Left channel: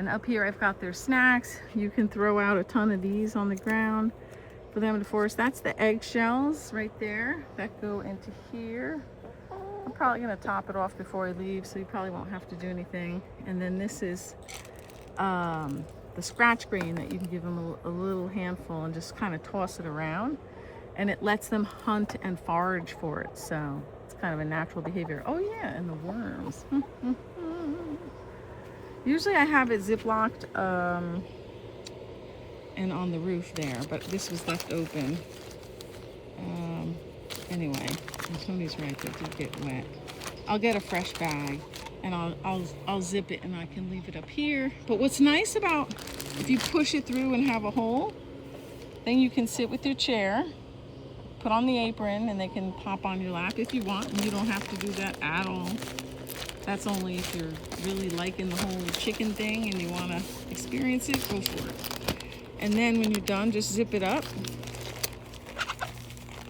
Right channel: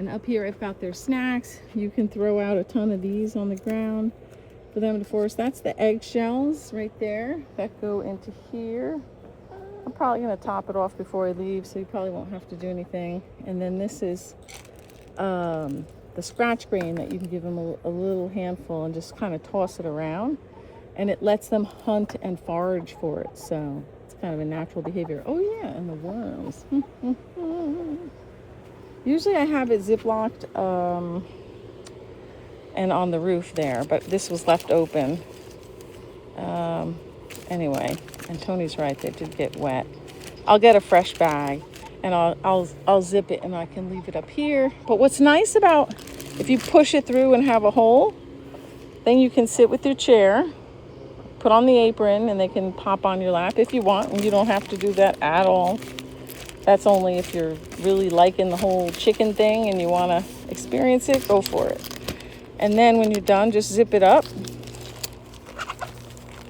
And up here I've got their snacks. You can throw out a ton of these on the ground for them to force. That's the eggshells right there that go into here. I'm probably going to top it off before I leave, so you probably won't have to do anything. And then this is the scratch grain that you can give them a little handful and just kind of toss it around. And it lets them hunt and forage for it. So it's kind of a natural behavior. Oh yeah, and the worms. Usually I have it ziplocked and on the roof there, but this was left open. Anyway, and Tony's right, they did get wet. I'll get a fresh bag and I'll zip it and I can leave it up here. But what's nice about if you push it through and have a hole, then you can sit with your chair, put on the apron, and they can pop on your lap if you want, and you don't have to do that at all. That's only if you're really liking the whole chicken thing and you want to experience it, go for it. And then when you're done, just zip it up.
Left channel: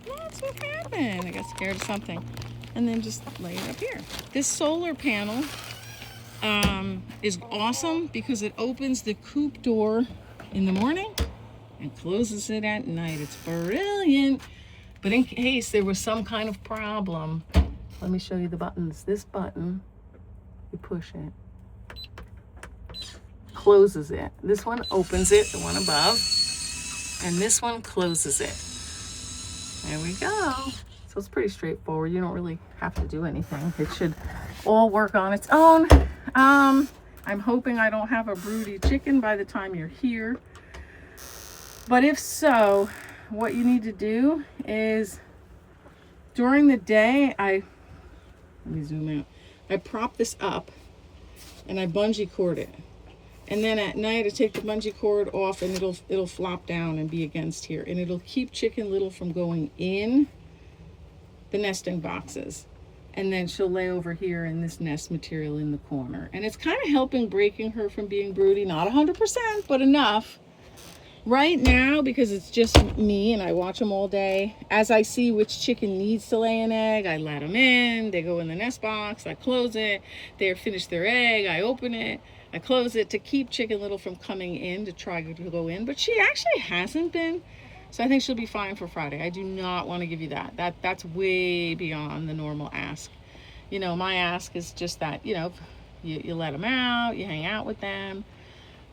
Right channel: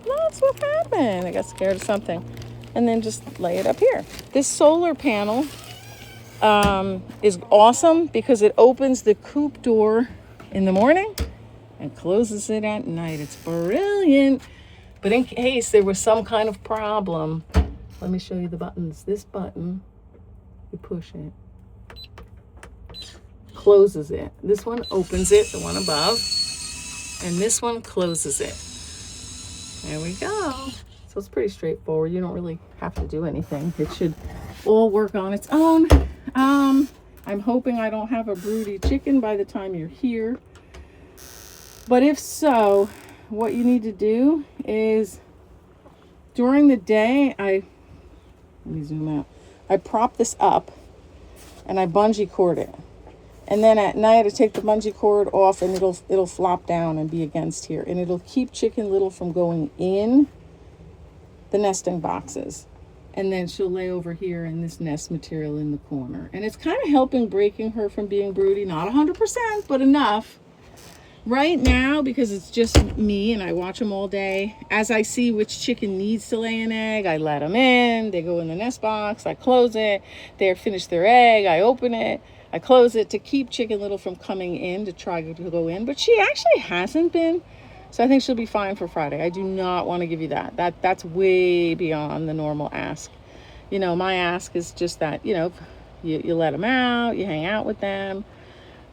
That's what happened. I got scared of something. And then just lay it up here. This solar panel is awesome because it opens the coop door in the morning and closes it at night. It's brilliant. But in case there was some kind of problem, let me show you the buttons. This button, you push it, closes it. This one opens it, the one above, and this one closes it. There we go. So it's pretty straightforward. You don't really have to do anything. It should all work on its own. I'm hoping I don't have a broody chicken by the time you're here. But if so, what you need to do is during the day, let me zoom out. I prop this up and I bungee cord it. And then at night I take the bungee cord off and it'll flop down and be against here. And it'll keep Chicken Little from going in the nesting boxes. And then she'll lay over here in this nest material in the corner. And it's kind of helping breaking her from being broody. Not 100%, but enough. Right now, because it's just me and I watch them all day, as I see which chicken needs to lay an egg, I let them in. They go in the nest box. I close it. They finish their egg. I open it. I close it to keep Chicken Little from coming in to try to go in. But she actually hasn't been. So I think she'll be fine for Friday. I do not want to give you that. That's way beyond the normal ask. You know, my ask is just that, you know, you let them out, you hang out with them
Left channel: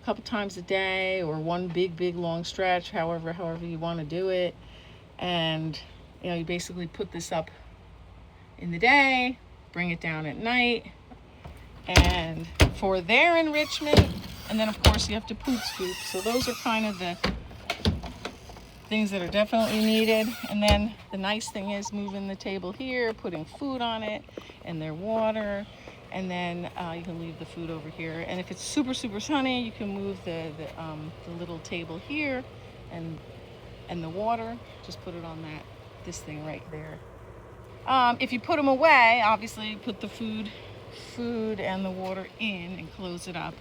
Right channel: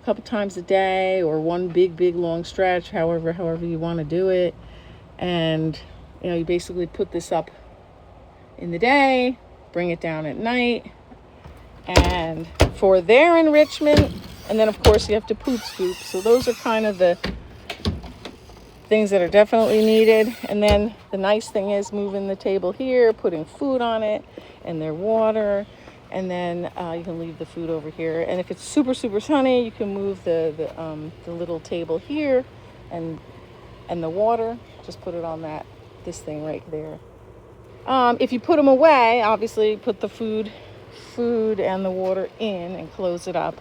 a couple times a day or one big long stretch, however you want to do it. And, you know, you basically put this up in the day, bring it down at night. And for their enrichment, and then of course you have to poop scoop. So those are kind of the things that are definitely needed. And then the nice thing is moving the table here, putting food on it and their water, and then you can leave the food over here. And if it's super sunny, you can move the little table here and the water, just put it on this thing right there. If you put them away, obviously put the food and the water in and close it up.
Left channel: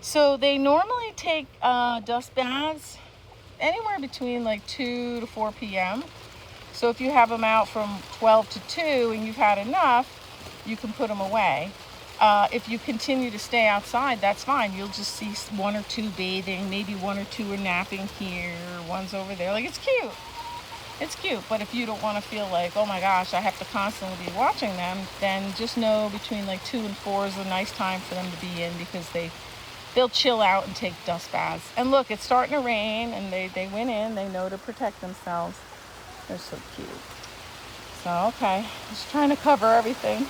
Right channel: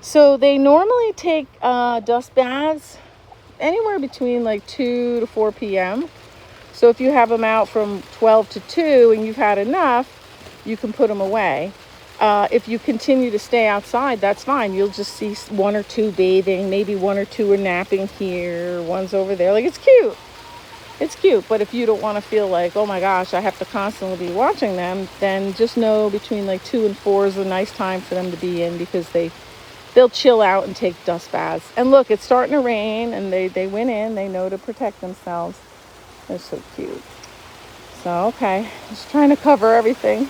So they normally take dust baths anywhere between like 2 to 4 p.m. So if you have them out from 12 to 2 and you've had enough, you can put them away. If you continue to stay outside, that's fine. You'll just see 1 or 2 bathing, maybe 1 or 2 are napping here, one's over there. Like, it's cute. It's cute. But if you don't want to feel like, oh my gosh, I have to constantly be watching them, then just know between like 2 and 4 is a nice time for them to be in, because they'll chill out and take dust baths. And look, it's starting to rain, and they went in. They know to protect themselves. They're so cute. So, okay. Just trying to cover everything.